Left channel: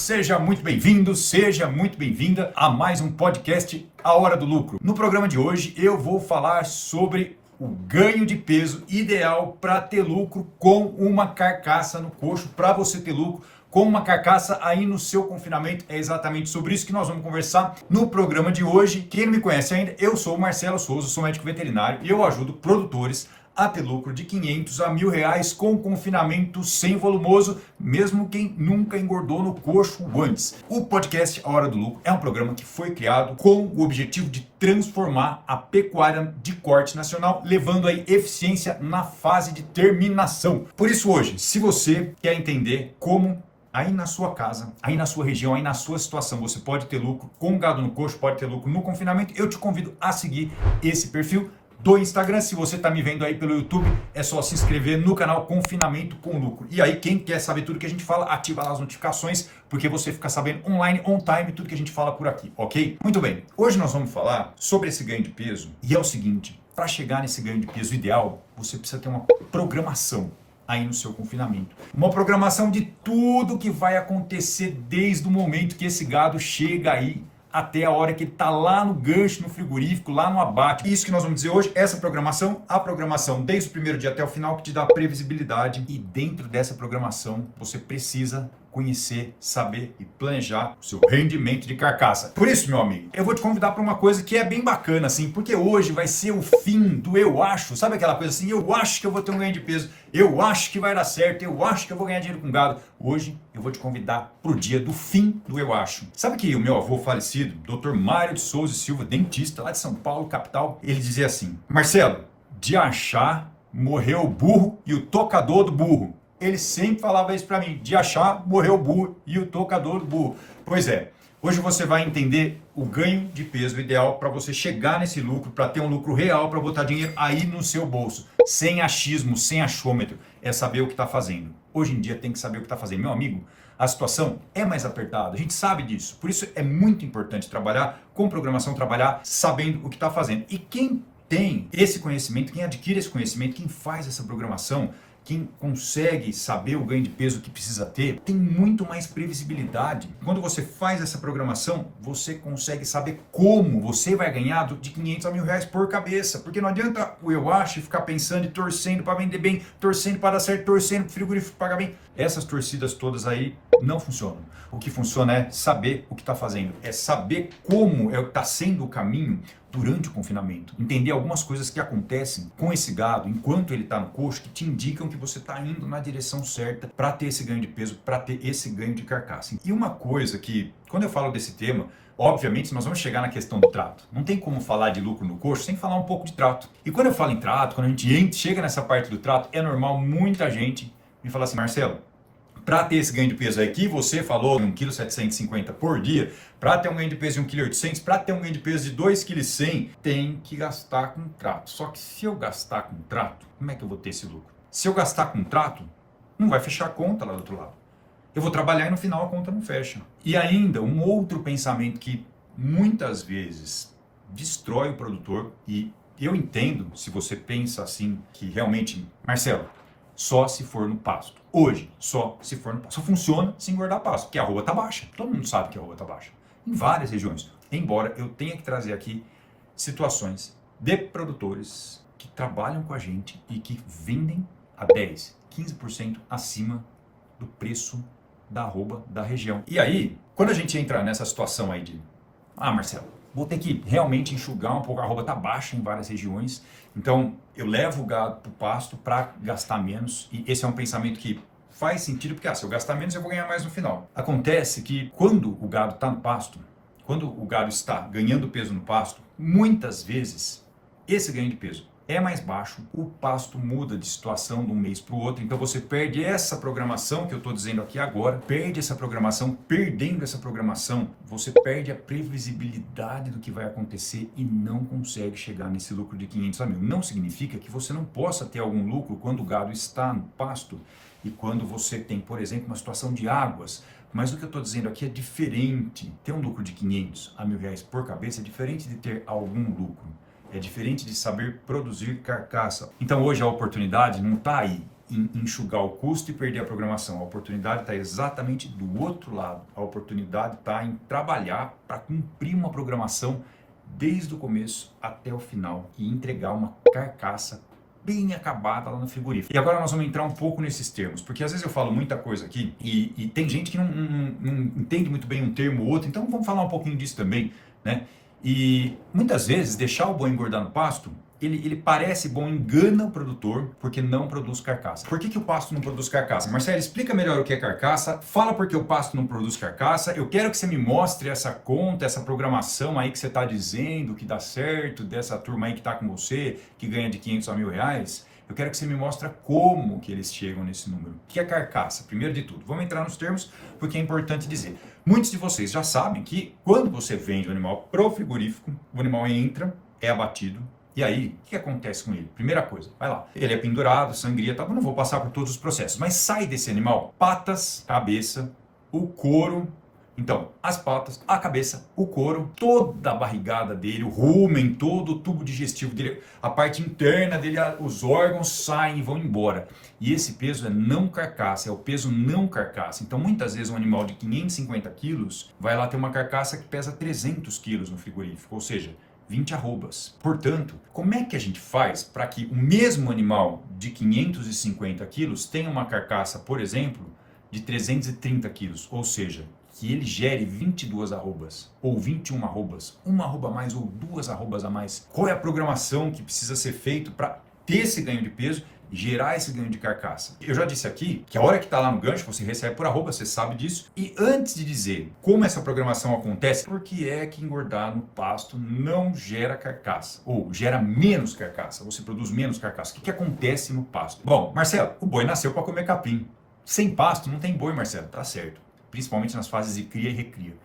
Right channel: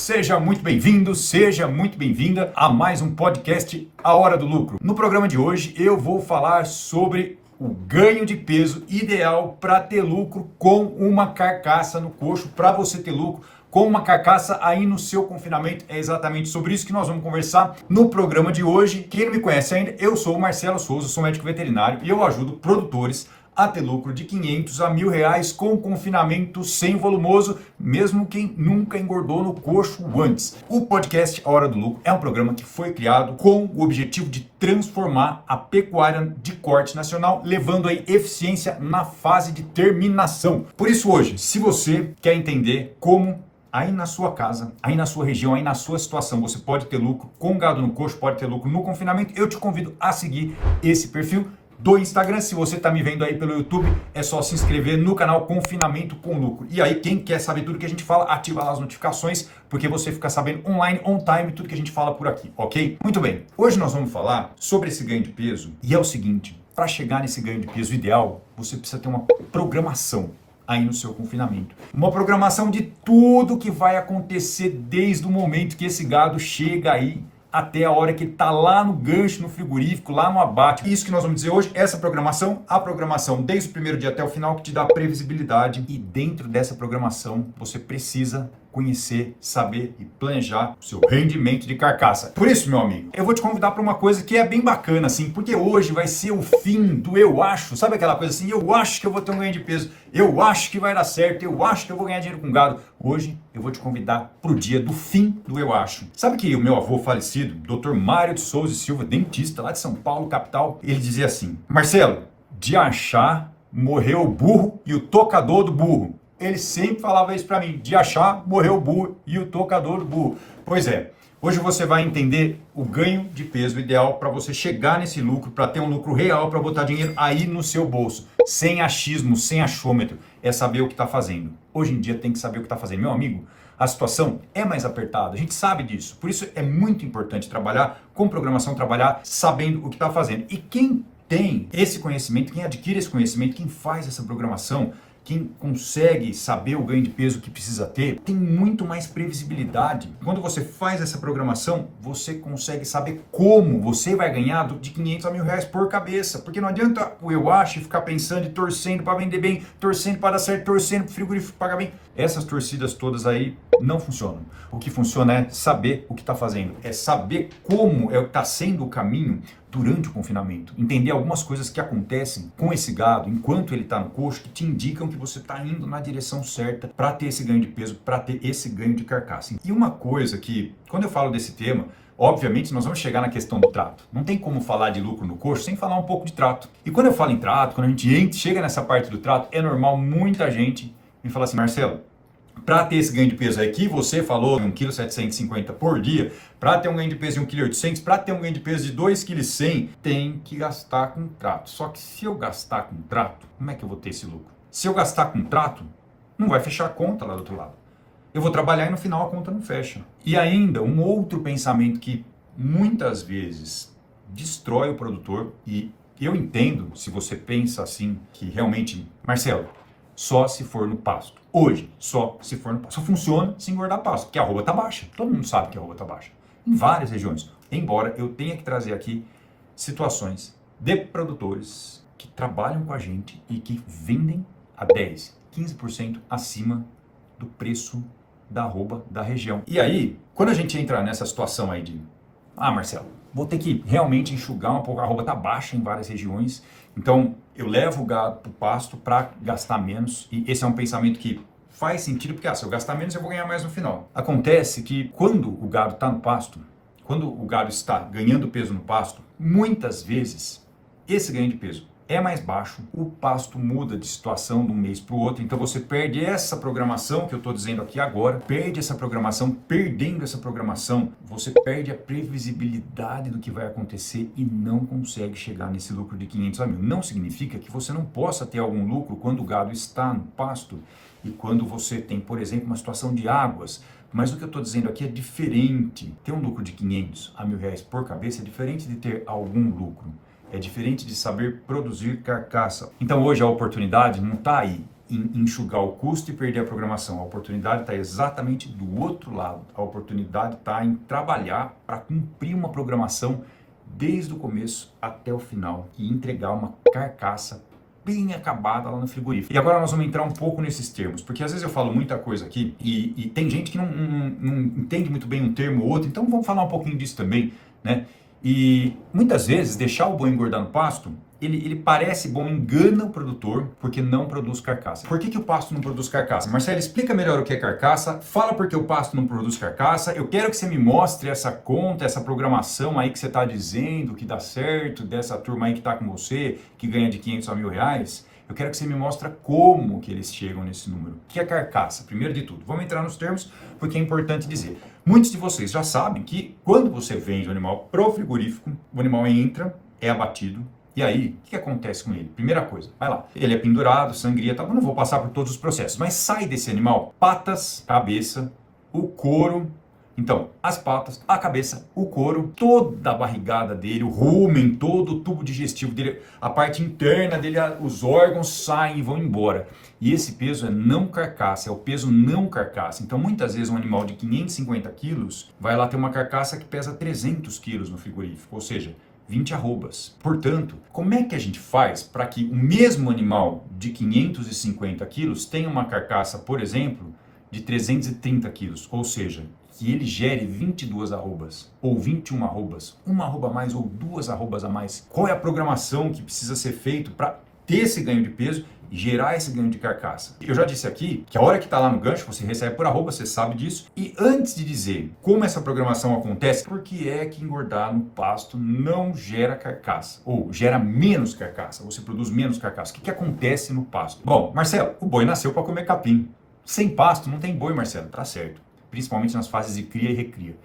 Seja muito bem-vindo, seja muito bem-vinda a mais um podcast A Hora do Lucro. No programa de hoje eu vou falar sobre o ganho de peso ideal para ter lucro com uma carcaça no coxo, para você ter lucro com uma carcaça aí no seu confinamento. É exatamente sobre isso que nós vamos conversar no programa de hoje. Quem não me conhece ainda, eu sou o Marcelo Souza, sou médico veterinário e eu ajudo produtores a ter lucro de 500 a R$1.000 com confinamento sem volumoso, mesmo quem nunca engordou no coxo antes. O podcast A Hora do Lucro é um programa que foi criado com o objetivo de transformar a pecuária de corte nacional, levando aí eficiência na fase de terminação. Por isso hoje, se você quer entender como aí na sua casa, aí na sua região, aí na sua situação, você pode ter lucro com gado no coxo, pode ter lucro no confinamento, eu te convido a seguir esse perfil do Instagram. Se você está me vendo aí pelo YouTube, é só se inscrever no canal Confinamento com Lucro. E aí, quem quer saber tudo que a gente fala, ativa lá as notificações, porque você fica sabendo online, on time, tudo que a gente fala por aqui, ok? Muito bem, hoje nós vamos falar sobre esse ganho de peso, e é o seguinte, para chegar nesse ganho de peso ideal, você precisa ter uma programação aí no seu confinamento. Uma programação de tudo que vai acontecer desde o momento que esse gado chega aí até a hora que ele está lá no gancho, no frigorífico, lá no abate. Isso que nós vamos dizer hoje, essa programação, a programação desde o primeiro dia até o final, que te dá previsibilidade. E dentro dessa programação, você precisa conhecer, saber e planejar o seu rendimento de carcaça. Por isso, meu amigo, eu vou te convidar para uma coisa que é bem bacana, assim, porque hoje vai ser o fim do eu acho. Sabe aquela coisa assim, eu acho que eu vou ter um ganho de peso, eu acho que vai dar certo, eu acho que eu vou ganhar dinheiro com gado. Hoje eu vou te convidar para o dia do fim do eu acho. Sabe que o meu avô falecido, Dr. Mário de Souza e Silva, dentista lá de São Paulo, capital, ele dizia assim: Marcelo, de achar morreu o burro e o tocador do burro. Ele sempre falava isso para mim, de achar, morreu o burro e o tocador do burro. Pois é, hoje você vai entender o ganho de peso ideal para você chegar nesse lucro, para ter um lucro real, para botar dinheiro aí no seu bolso, sem achismo, sem achômetro, é saber o que está fazendo. Hoje em dia tem que saber o que está fazendo. Meu amigo, a situação é mais apertada, a gente sabe disso, por isso é muito importante trabalhar com programação, trabalhar sabendo o que está fazendo. E quem tem esse conhecimento, quem adquire esse conhecimento, quem faz essa programação, quem consegue saber o ganho de peso que precisa ter, tem muito mais previsibilidade. Quando você faz essa programação, você consegue saber como você vai ganhar de 500 a R$1.000 por cabeça. Porque não adianta o eu acho ficar pensando e torcendo para vender bem, torcendo para dar certo, torcendo para o frigorífico pagar bem. Essas torcidas todas aí não funcionam. O que funciona é saber o que está fazendo, é saber como está sendo o caminho durante o confinamento. Entender algumas coisas que acontecem com esse gado enquanto ele está no coxo, que te indicam que você está indo na direção certa para ter esse ganho de peso, para ter esse ganho de carcaça. E uma coisa que, quando eu falo desse tema, obviamente nós vamos chegar na questão do trato. Não tem como falar de lucro no coxo sem falar um pouco de trato. E quando eu falo em trato, quando a gente chega nessa parte do trato, é normal muita gente me falar assim: Marcelo, para ter esse ganho de peso aí que você falou, 1,750 kg por dia, para ter um ganho de peso de 1,8 kg, para ter um ganho de peso de 2,1 kg, tem que gastar com trato. Só que se eu gastar com trato, como é que eu vou ter esse lucro? Se eu gastar com trato, não vai fechar a conta lá do outro lado. Eu vou trabalhar e no final a conta não fecha. E ainda, um outro pensamento que muitas vezes destrói o produtor, e eu entendo se você pensa assim, que realmente, Marcelo, só se for no pasto. Hoje, só se for no pasto. Só funciona se engordar pasto, porque a arroba está baixa. Todo mundo sabe que a arroba está baixa. Em várias regiões. Embora eu tenha que trazer aqui situações de produtores que trabalham com a gente e que vendem a 10, 15% acima do preço da arroba da região. E aí, quando a gente entra nessa situação aí de, Marcelo, vou ter que realmente enxugar um pouco, a arroba está baixa em várias regiões, então eu levo o gado para o pasto para gastar menos, e esse é um pensamento que faz sentido, porque se eu gastar menos eu vou ganhar mais no final. Acontece que quando o gado está no pasto, quando o gado está ganhando peso no pasto, muitas vezes esse ganho de peso é mais baixo, o pasto muda de situação de um mês para o outro, então você perde essa programação que eu estou dizendo aqui agora, perde essa programação, perdendo essa programação, você perde a previsibilidade do que vai acontecer e não consegue chegar nesse lucro de 500 a 1.000. Não significa que você não possa ter algum lucro quando o gado está no pasto e quando você tem, por exemplo, uma situação de águas. Mas o que eu estou dizendo aqui é diferente. Ter um lucro de 500 a R$1.000 por cabeça é diferente de ter algum lucro. É diferente de saber produzir carcaça. Então hoje a oportunidade não está aí em enxugar o custo e perder a programação. A oportunidade está exatamente do outro lado. A oportunidade está em trabalhar para cumprir uma programação desde o começo até o final e entregar uma carcaça bem acabada lá no frigorífico. E agora nós vamos entrar um pouco nesses termos, porque às vezes eu falo muita coisa aqui e tem gente que não entende muito bem um termo ou outro, então vamos falar um pouquinho disso também, né? E muitas vezes deixar o boi engordar no pasto, ele parece bom, engana o produtor porque não produz carcaça. Por que o pasto não produz carcaça? Marcelo, explica melhor o que é carcaça, fala por que o pasto não produz carcaça, eu quero que você me mostre essa conta, essa programação aí que você está dizendo que dá certo, dessa turma aí que está com você, que ganha de 500 a R$1.000, eu quero que você me mostre como que eles chegam nesse número. O que é carcaça? Primeiro de tudo, vamos entrar nos termos porque é importante dizer. Muitos de vocês já sabem que quando você vende o animal pro frigorífico, o animal entra, é abatido. E aí, o que acontece com ele? Primeira coisa, vai lá. Ele é pendurado, sangria, tá? Eu não vou passar por todos os processos, mas sai desse animal patas, cabeça, o couro. Então, as patas, a cabeça, o couro, toda a barrigada dele, o rumen, todo o tubo digestivo dele, a parte interna dele, os órgãos saem e vão embora. E esse peso é não carcaça, é o peso não carcaça. Então, muitas vezes um animal de 550 quilos vai lá ter uma carcaça que pesa 300 quilos no frigorífico, ou seja, 20 arrobas. Portanto, como é que a gente faz para que o mesmo animal de 550 quilos tenha uma carcaça, por exemplo, de 330 quilos? Ou seja, que ele gere 22 arrobas, ou 21 arrobas, uma arroba a mais ou duas arrobas a mais. Qual é a programação que precisa ser feita para ter esse ganho de peso e gerar esse ganho de carcaça? Eu já disse aqui que a hora que está lá no gancho, você recebe por arroba, você sabe disso. E antes de dizer como essa programação acontece, por que é que engordar no pasto não gera carcaça? Ou gera menos carcaça, você produz menos carcaça. O que acontece no pasto? Bom, Marcelo, o boi nasceu para comer capim. Sem pasto não tem boi, Marcelo, tá certo. Principalmente nas fases de cria e recria.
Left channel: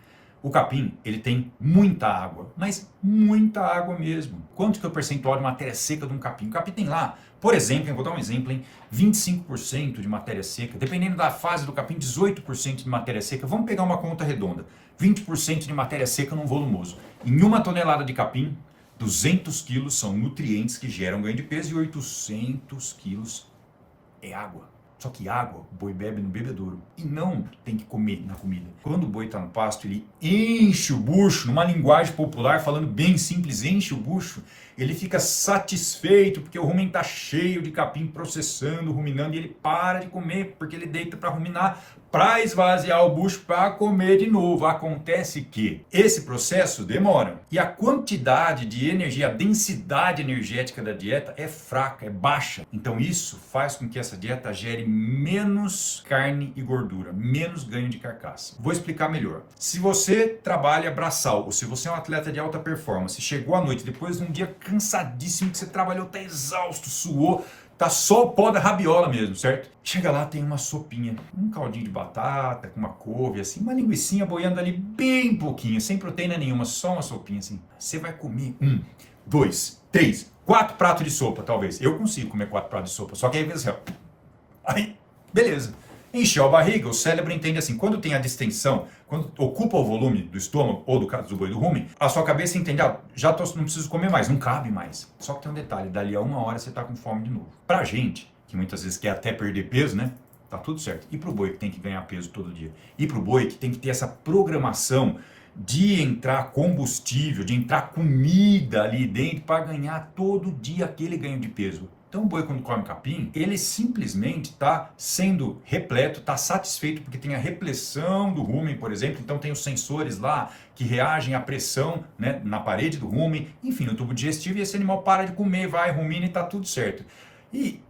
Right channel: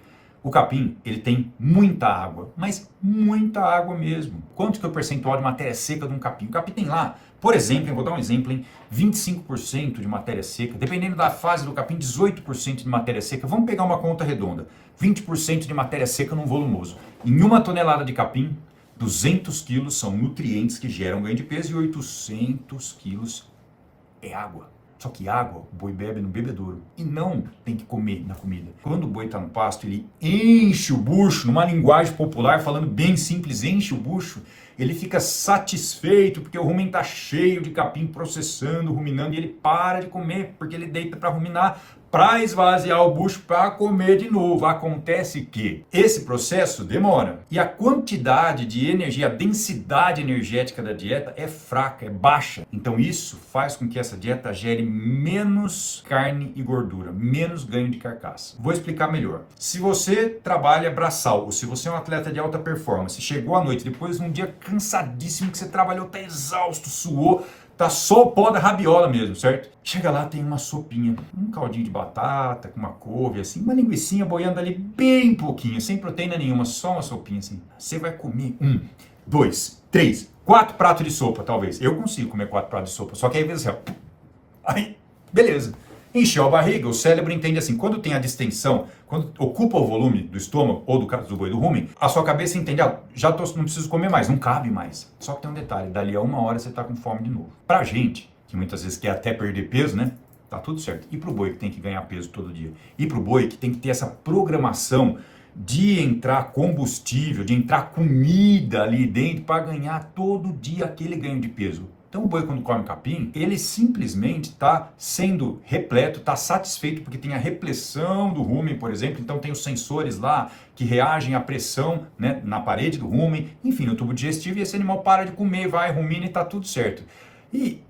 O capim, ele tem muita água, mas muita água mesmo. Quanto que é o percentual de matéria seca de um capim? O capim tem lá, por exemplo, eu vou dar um exemplo, hein? 25% de matéria seca, dependendo da fase do capim, 18% de matéria seca. Vamos pegar uma conta redonda, 20% de matéria seca num volumoso. Em uma tonelada de capim, 200 quilos são nutrientes que geram ganho de peso e 800 quilos é água. Só que água, o boi bebe no bebedouro e não tem que comer na comida. Quando o boi está no pasto, ele enche o bucho, numa linguagem popular, falando bem simples, enche o bucho, ele fica satisfeito porque o rumen está cheio de capim processando, ruminando, e ele para de comer porque ele deita para ruminar, para esvaziar o bucho, para comer de novo. Acontece que esse processo demora e a quantidade de energia, a densidade energética da dieta é fraca, é baixa. Então isso faz com que essa dieta gere menos carne e gordura, menos ganho de carcaça. Vou explicar melhor. Se você trabalha braçal, ou se você é um atleta de alta performance, chegou à noite, depois de um dia cansadíssimo que você trabalhou, tá exausto, suou, tá só o pó da rabiola mesmo, certo? Chega lá, tem uma sopinha, um caldinho de batata, com uma couve, assim, uma linguicinha boiando ali bem pouquinho, sem proteína nenhuma, só uma sopinha assim. Você vai comer 1, 2, 3, 4 pratos de sopa, talvez. Eu consigo comer 4 pratos de sopa, só que aí, assim, ó, aí, beleza. Encheu a barriga, o cérebro entende assim, quando tem a distensão, quando ocupa o volume do estômago, ou do caso do boi do rumen, a sua cabeça entende, não preciso comer mais, não cabe mais. Só que tem um detalhe, dali a 1 hora você está com fome de novo. Pra gente, que muitas vezes quer até perder peso, né? Tá tudo certo. E pro boi que tem que ganhar peso todo dia? E pro boi que tem que ter essa programação de entrar combustível, de entrar comida ali dentro para ganhar todo dia aquele ganho de peso? Então o boi, quando come capim, ele simplesmente está sendo repleto, está satisfeito porque tem a repressão do rumen, por exemplo. Então tem os sensores lá que reagem à pressão, né, na parede do rumen, enfim, no tubo digestivo, e esse animal para de comer, vai, rumina e está tudo certo. E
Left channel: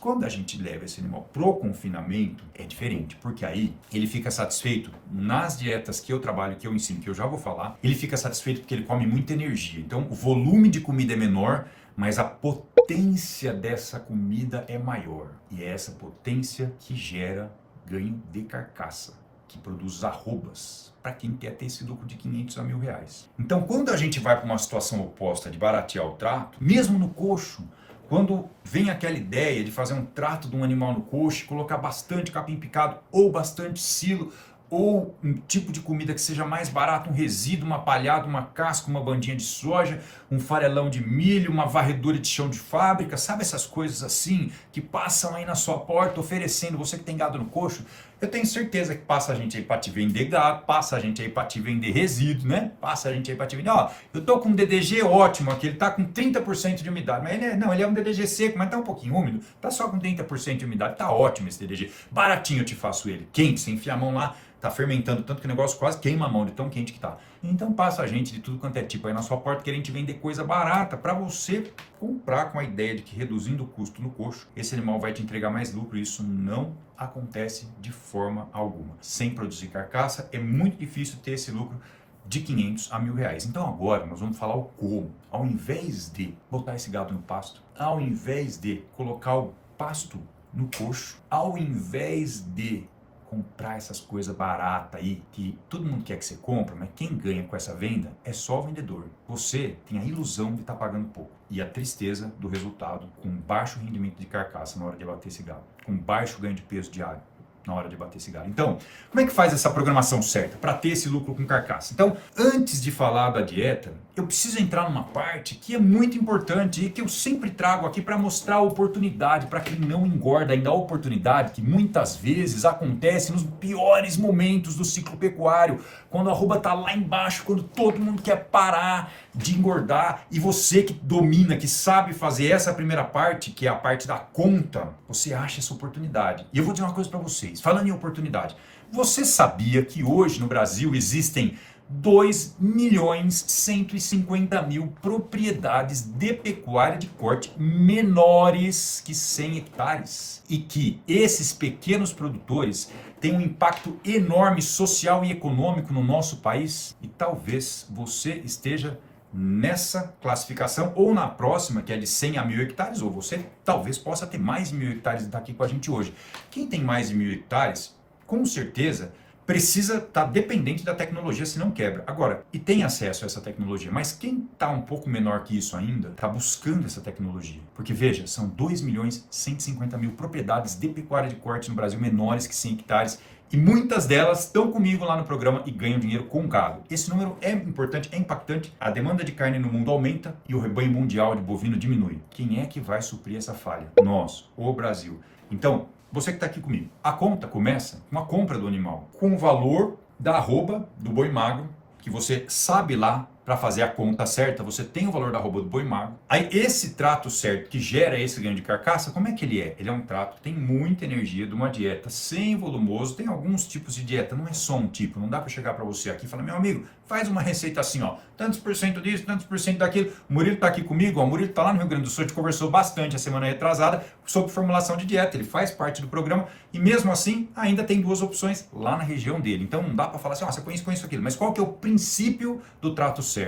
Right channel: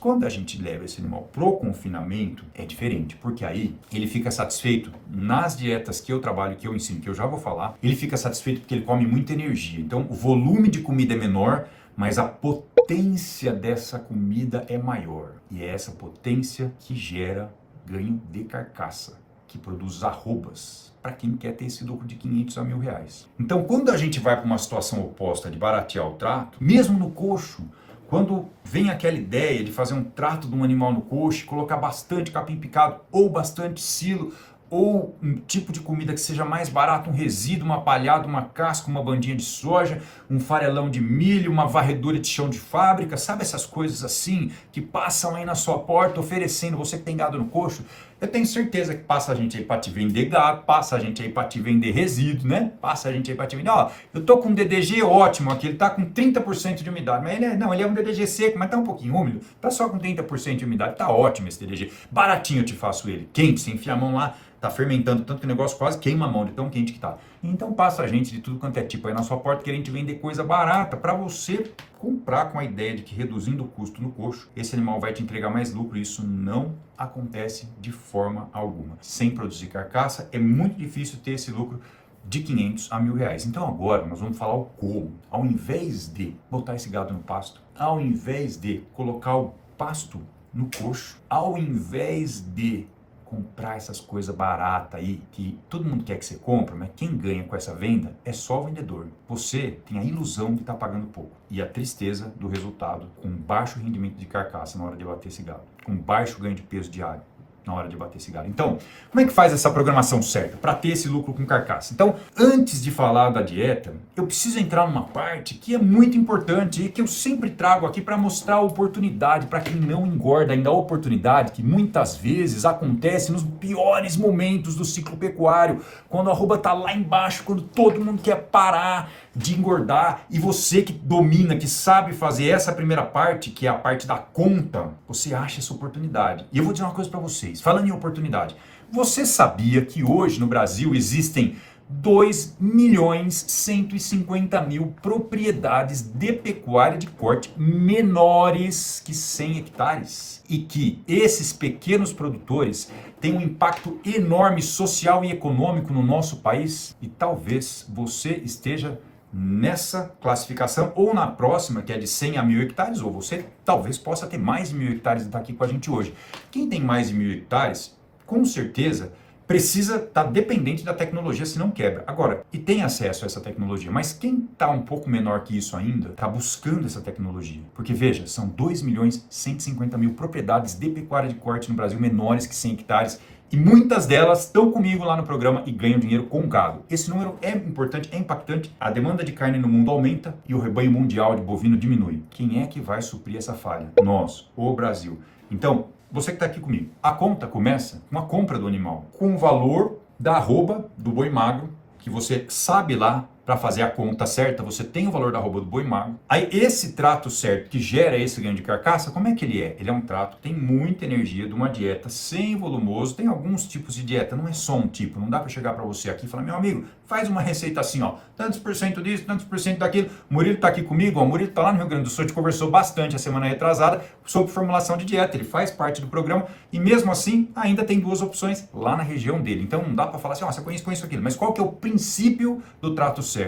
quando a gente leva esse animal pro confinamento, é diferente, porque aí ele fica satisfeito nas dietas que eu trabalho, que eu ensino, que eu já vou falar, ele fica satisfeito porque ele come muita energia. Então o volume de comida é menor, mas a potência dessa comida é maior. E é essa potência que gera ganho de carcaça, que produz arrobas, para quem quer ter esse lucro de 500 a R$1.000. Então, quando a gente vai para uma situação oposta de baratear o trato, mesmo no coxo, quando vem aquela ideia de fazer um trato de um animal no coxo, colocar bastante capim picado ou bastante silo, ou um tipo de comida que seja mais barato, um resíduo, uma palhada, uma casca, uma bandinha de soja, um farelão de milho, uma varredura de chão de fábrica, sabe essas coisas assim que passam aí na sua porta oferecendo, você que tem gado no coxo, eu tenho certeza que passa a gente aí para te vender gado, passa a gente aí para te vender resíduo, né? Passa a gente aí para te vender, ó, eu tô com um DDG ótimo aqui, ele tá com 30% de umidade, mas ele é um DDG seco, mas tá um pouquinho úmido, tá só com 30% de umidade, tá ótimo esse DDG, baratinho eu te faço ele, quente, você enfia a mão lá, tá fermentando tanto que o negócio quase queima a mão de tão quente que tá. Então passa a gente de tudo quanto é tipo aí na sua porta querendo te vender coisa barata para você comprar com a ideia de que reduzindo o custo no coxo, esse animal vai te entregar mais lucro. Isso não acontece de forma alguma. Sem produzir carcaça é muito difícil ter esse lucro de 500 a 1.000 reais. Então agora nós vamos falar o como. Ao invés de botar esse gado no pasto, ao invés de colocar o pasto no coxo, ao invés de comprar essas coisas baratas aí, que todo mundo quer que você compre, mas quem ganha com essa venda é só o vendedor. Você tem a ilusão de estar pagando pouco e a tristeza do resultado com baixo rendimento de carcaça na hora de abater esse gado, com baixo ganho de peso diário na hora de bater esse gado. Então, como é que faz essa programação certa para ter esse lucro com carcaça? Então, antes de falar da dieta, eu preciso entrar numa parte que é muito importante e que eu sempre trago aqui para mostrar a oportunidade para quem não engorda, ainda a oportunidade que muitas vezes acontece nos piores momentos do ciclo pecuário, quando a arroba está lá embaixo, quando todo mundo quer parar de engordar e você que domina, que sabe fazer essa primeira parte, que é a parte da conta, você acha essa oportunidade. E eu vou dizer uma coisa para vocês, falando em oportunidade, você sabia que hoje no Brasil existem 2.150.000 propriedades de pecuária de porte menores que 100 hectares? E que esses pequenos produtores têm um impacto enorme social e econômico no nosso país? E talvez você esteja nessa classificação ou na próxima, que é de 100 a 1.000 hectares, ou você talvez possa ter mais de 1.000 hectares e estar aqui com a gente hoje. Quem tem mais de 1.000 hectares, com certeza, precisa estar dependente da tecnologia, se não quebra. Agora, e tem acesso a essa tecnologia, mas quem está um pouco menor que isso ainda, está buscando essa tecnologia. Porque veja, são 2.150.000 propriedades de pecuária de corte no Brasil menores que 100 hectares, e muitas delas estão comigo lá no programa e ganham dinheiro com gado. Esse número é importante, é impactante. A demanda de carne no mundo aumenta e o rebanho mundial de bovino diminui. Quem é que vai suprir essa falha? Nós, o Brasil. Então, você que está aqui comigo, a conta começa com a compra do animal, com o valor da arroba do boi magro, que você sabe lá para fazer a conta certa, você tem o valor da arroba do boi magro. Aí esse trato certo que gera esse ganho de carcaça, como é que ele é? Ele é um trato que tem muita energia de uma dieta sem volumoso. Tem alguns tipos de dieta, não é só um tipo. Não dá para chegar para você aqui e falar, meu amigo, faz uma receita assim, ó, tantos por cento disso, tantos por cento daquilo. O Murilo está aqui comigo, ó, o Murilo está lá no Rio Grande do Sul, a gente conversou bastante a semana retrasada sobre formulação de dieta. Ele faz parte do programa e mesmo assim ainda tem duas opções lá na região dele. Então não dá para falar assim, ó, você conhece aquilo. Mas qual que é o princípio do trato certo?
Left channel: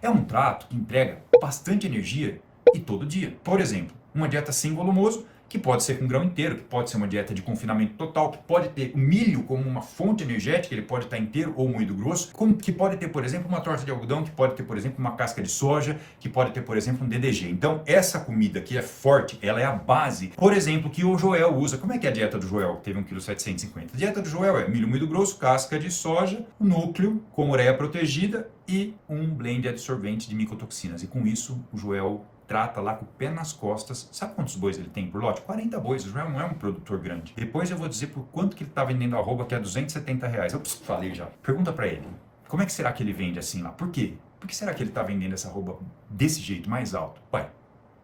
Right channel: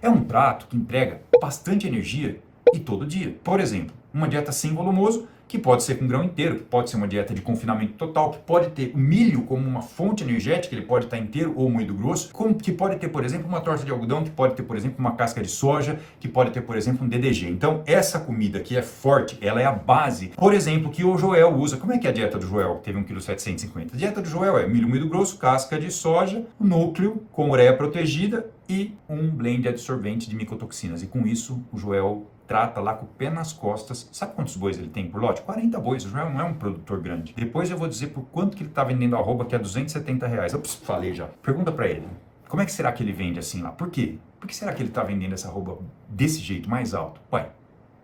É um trato que entrega bastante energia e todo dia. Por exemplo, uma dieta sem volumoso, que pode ser com grão inteiro, que pode ser uma dieta de confinamento total, que pode ter o milho como uma fonte energética, ele pode estar inteiro ou moído grosso, que pode ter, por exemplo, uma torta de algodão, que pode ter, por exemplo, uma casca de soja, que pode ter, por exemplo, um DDG. Então, essa comida que é forte, ela é a base. Por exemplo, que o Joel usa. Como é que é a dieta do Joel, que teve 1,750 kg? A dieta do Joel é milho moído grosso, casca de soja, núcleo com ureia protegida e um blend absorvente de micotoxinas. E com isso, o Joel trata lá com o pé nas costas. Sabe quantos bois ele tem por lote? 40 bois, o Joel não é um produtor grande. Depois eu vou dizer por quanto que ele está vendendo a arroba, que é R$270. Ops, falei já. Pergunta para ele, como é que será que ele vende assim lá? Por quê? Por que será que ele está vendendo essa arroba desse jeito, mais alto? Ué,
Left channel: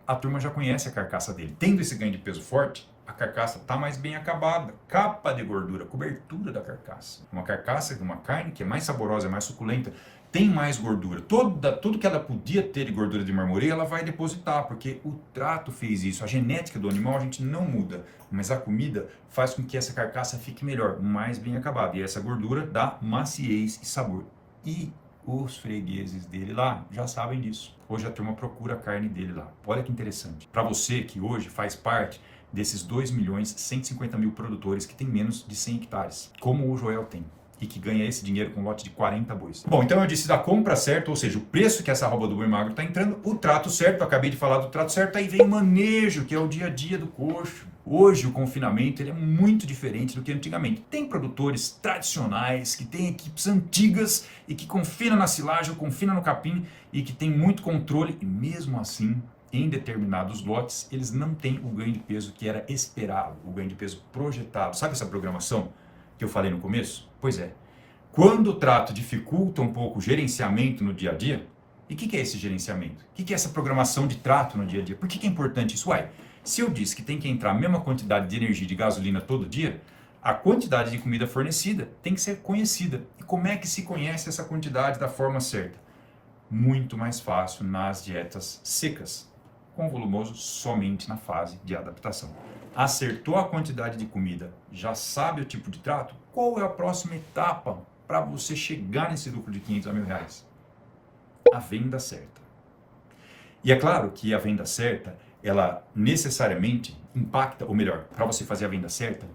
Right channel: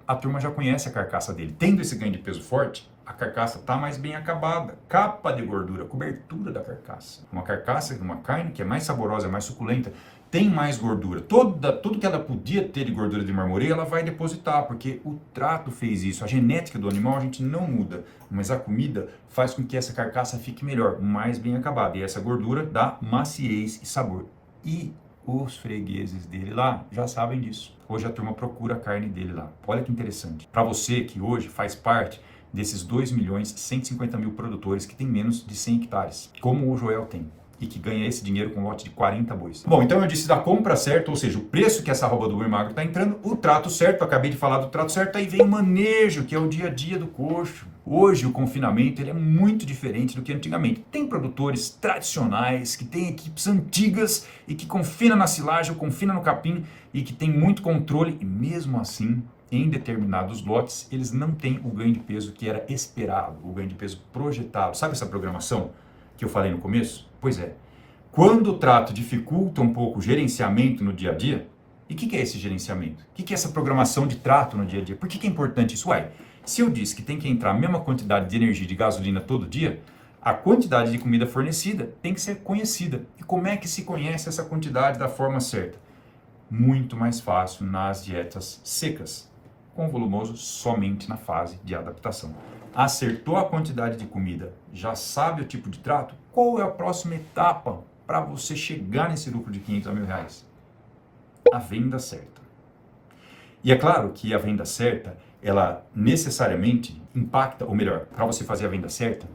a turma já conhece a carcaça dele. Tendo esse ganho de peso forte, a carcaça está mais bem acabada. Capa de gordura, cobertura da carcaça. Uma carcaça de uma carne que é mais saborosa, mais suculenta, tem mais gordura. Tudo que ela podia ter de gordura de marmoreio, ela vai depositar, porque o trato fez isso. A genética do animal a gente não muda, mas a comida faz com que essa carcaça fique melhor, mais bem acabada. E essa gordura dá maciez e sabor. E os fregueses dele lá já sabem disso. Hoje a turma procura a carne dele lá. Olha que interessante. Para você que hoje faz parte desses 2.150.000 produtores que tem menos de 100 hectares, como o Joel tem, e que ganha esse dinheiro com um lote de 40 bois. Bom, então eu disse da compra certa, ou seja, o preço que essa arroba do boi magro está entrando, o trato certo, eu acabei de falar do trato certo, aí vem o manejo, que é o dia a dia do coxo. Hoje o confinamento ele é muito diferente do que antigamente. Tem produtores tradicionais, que têm equipes antigas e que confinam na silagem, confinam no capim e que tem muito controle e mesmo assim, em determinados lotes, eles não têm o ganho de peso que era esperado, o ganho de peso projetado. Sabe essa programação que eu falei no começo? Pois é. Quando o trato dificulta um pouco o gerenciamento no dia a dia, e o que é esse gerenciamento? O que é essa programação de trato no dia a dia? Por que é importante isso? Se eu disse que tem que entrar a mesma quantidade de energia de gasolina todo dia, a quantidade de comida fornecida tem que ser conhecida. E como é que se conhece essa quantidade da forma certa? Muito mais fácil nas dietas secas, com volumoso somente na fase de adaptação. Acertou a quantidade de comida, já sabe o tipo de trato? Qual é a próxima etapa para você chegar nesse lucro de 500 a R$1.000? A venda certa. E é claro que a venda certa, ela necessariamente impacta, ou melhor, para você fazer a venda certa,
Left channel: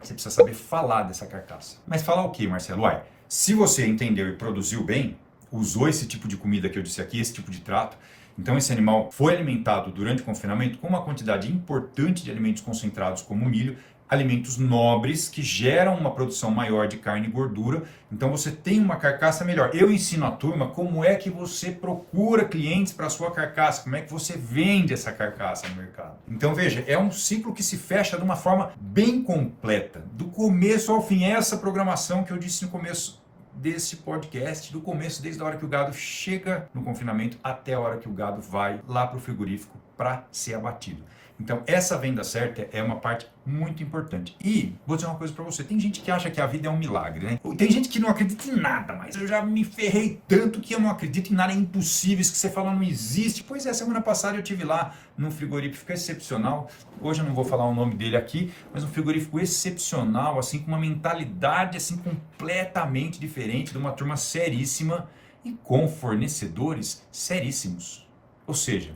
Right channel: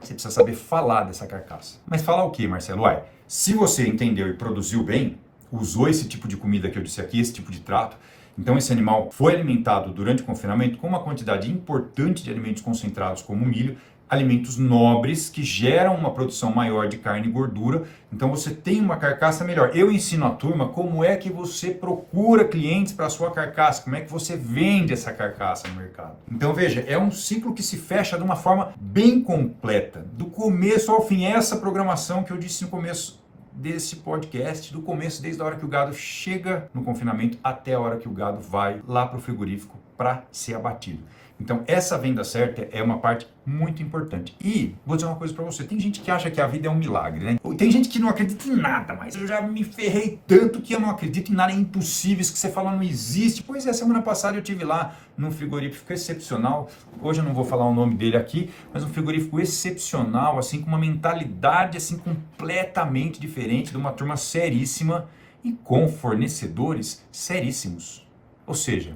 você precisa saber falar dessa carcaça. Mas falar o quê, Marcelo? Se você entendeu e produziu bem, usou esse tipo de comida que eu disse aqui, esse tipo de trato, então esse animal foi alimentado durante o confinamento com uma quantidade importante de alimentos concentrados como milho, alimentos nobres que geram uma produção maior de carne e gordura, então você tem uma carcaça melhor. Eu ensino a turma como é que você procura clientes para a sua carcaça, como é que você vende essa carcaça no mercado. Então veja, é um ciclo que se fecha de uma forma bem completa, do começo ao fim, essa programação que eu disse no começo desse podcast, do começo, desde a hora que o gado chega no confinamento até a hora que o gado vai lá para o frigorífico para ser abatido. Então, essa venda certa é uma parte muito importante. E vou dizer uma coisa para você, tem gente que acha que a vida é um milagre, né? Tem gente que não acredita em nada, mas eu já me ferrei tanto que eu não acredito em nada, é impossível, isso que você fala não existe. Pois é, semana passada eu estive lá num frigorífico excepcional, hoje eu não vou falar o nome dele aqui, mas um frigorífico excepcional, assim, com uma mentalidade assim completamente diferente, de uma turma seríssima e com fornecedores seríssimos. Ou seja,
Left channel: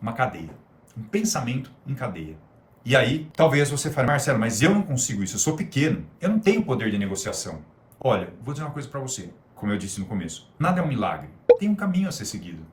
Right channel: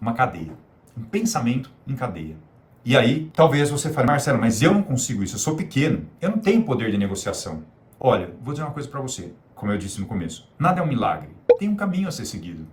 uma cadeia. Um pensamento em cadeia. E aí, talvez você fale, Marcelo, mas eu não consigo isso, eu sou pequeno, eu não tenho poder de negociação. Olha, vou dizer uma coisa para você, como eu disse no começo, nada é um milagre, tem um caminho a ser seguido.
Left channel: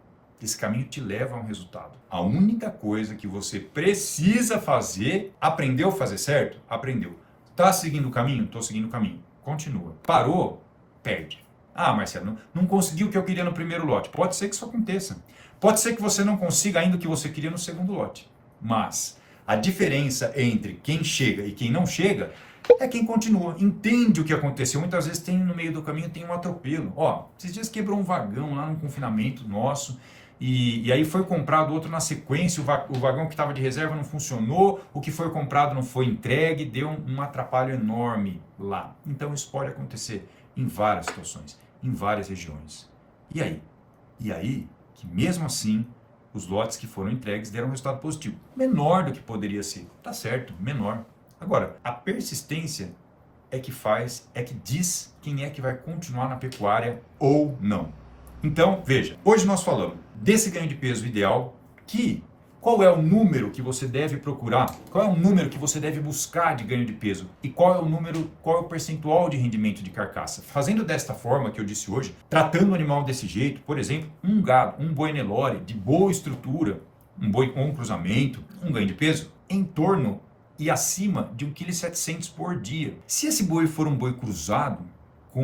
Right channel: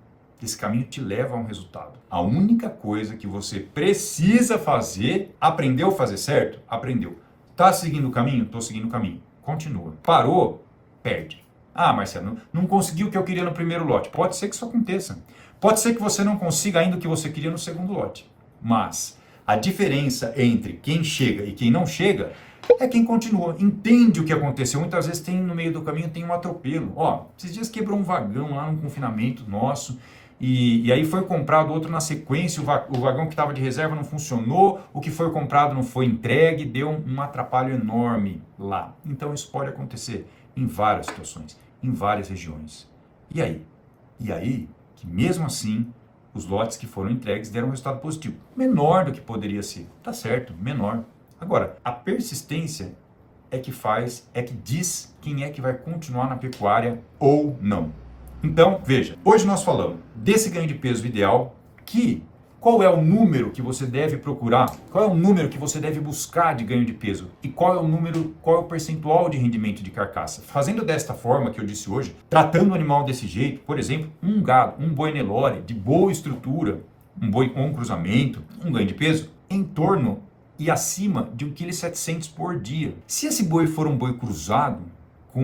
Esse caminho te leva a um resultado. A única coisa que você precisa fazer, aprendeu a fazer certo? Aprendeu. Está seguindo o caminho? Estou seguindo o caminho. Continua. Parou? Perde. Marcelo, não conseguiu o que eu queria no primeiro lote. Pode ser que isso aconteça. Pode ser que você não consiga ainda o que você queria no segundo lote. Mas a diferença entre quem chega e quem não chega é quem continua. Entende o que aconteceu. Muitas vezes no meio do caminho tem um atropelo. Esses dias quebrou um vagão lá no confinamento nosso. E aí foi comprado outro na sequência, o vagão que estava de reserva não funcionou, o que foi comprado não foi entregue, deu um atrapalho enorme lá. Então isso pode acontecer em várias situações, em várias regiões. E aí, que mesmo assim, os lotes que foram entregues deram um resultado positivo. Menor do que poderia ser. Tá certo, menor. Agora, a persistência é que diz quem é que vai continuar na pecuária ou não. Então, veja, hoje nós falamos desse ganho de peso ideal, qual é o número que você deve procurar, qual é o número que você deve buscar de ganho de peso e qual é o percentual de rendimento de carcaça. Fazendo desta forma que eu disse hoje, tratando o animal desse jeito, por exemplo, um gado, um boi Nelore de boa estrutura, um boi com um cruzamento, um ganho de peso em torno e acima de 1,7 kg por dia. Se esse boi for um boi cruzado,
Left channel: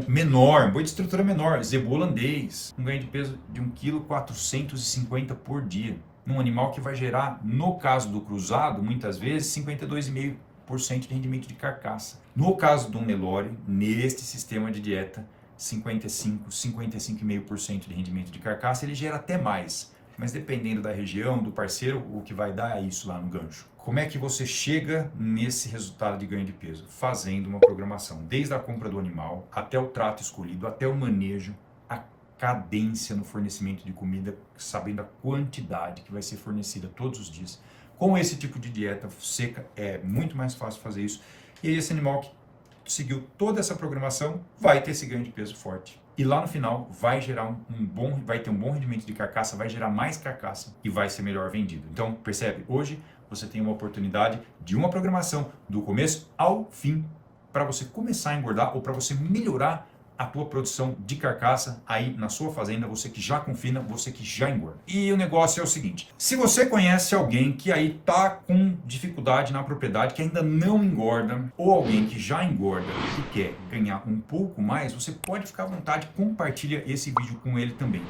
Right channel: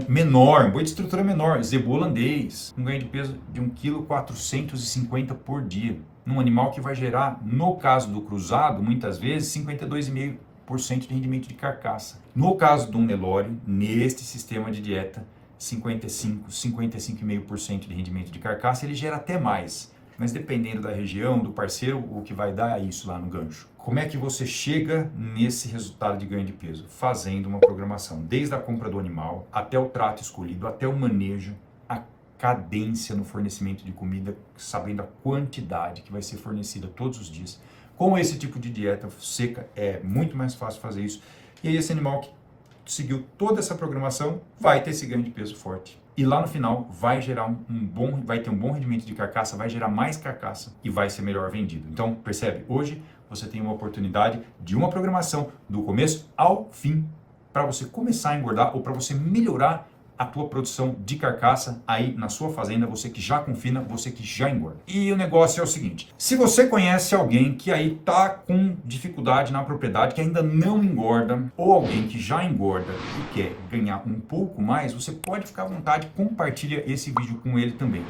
menor, um boi de estrutura menor, zebu holandês, um ganho de peso de 1,450 kg por dia. Num animal que vai gerar, no caso do cruzado, muitas vezes, 52,5% de rendimento de carcaça. No caso do Nelore, neste sistema de dieta, 55,5% de rendimento de carcaça, ele gera até mais. Mas dependendo da região, do parceiro, o que vai dar é isso lá no gancho. Como é que você chega nesse resultado de ganho de peso? Fazendo uma programação, desde a compra do animal, até o trato escolhido, até o manejo, a cadência no fornecimento de comida, sabendo a quantidade que vai ser fornecida todos os dias. Com esse tipo de dieta seca, é muito mais fácil fazer isso. E aí esse animal que seguiu toda essa programação vai ter esse ganho de peso forte. E lá no final vai gerar vai ter um bom rendimento de carcaça, vai gerar mais carcaça e vai ser melhor vendido. Então, percebe? Hoje você tem uma oportunidade de uma programação do começo ao fim para você começar a engordar ou para você melhorar a tua produção de carcaça aí na sua fazenda, você que já confina, você que já engorda. E o negócio é o seguinte, se você conhece alguém que aí tá com dificuldade na propriedade, que ainda não engorda, ou alguém que já engorda e quer ganhar um pouco mais, você pode ficar à vontade, compartilha esse vídeo com ele também.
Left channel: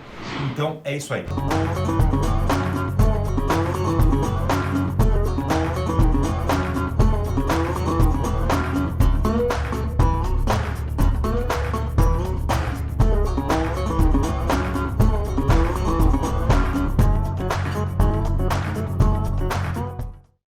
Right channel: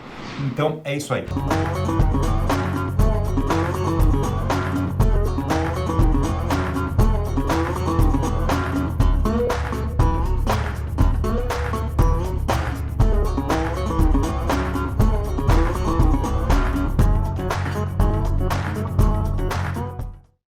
Então é isso aí.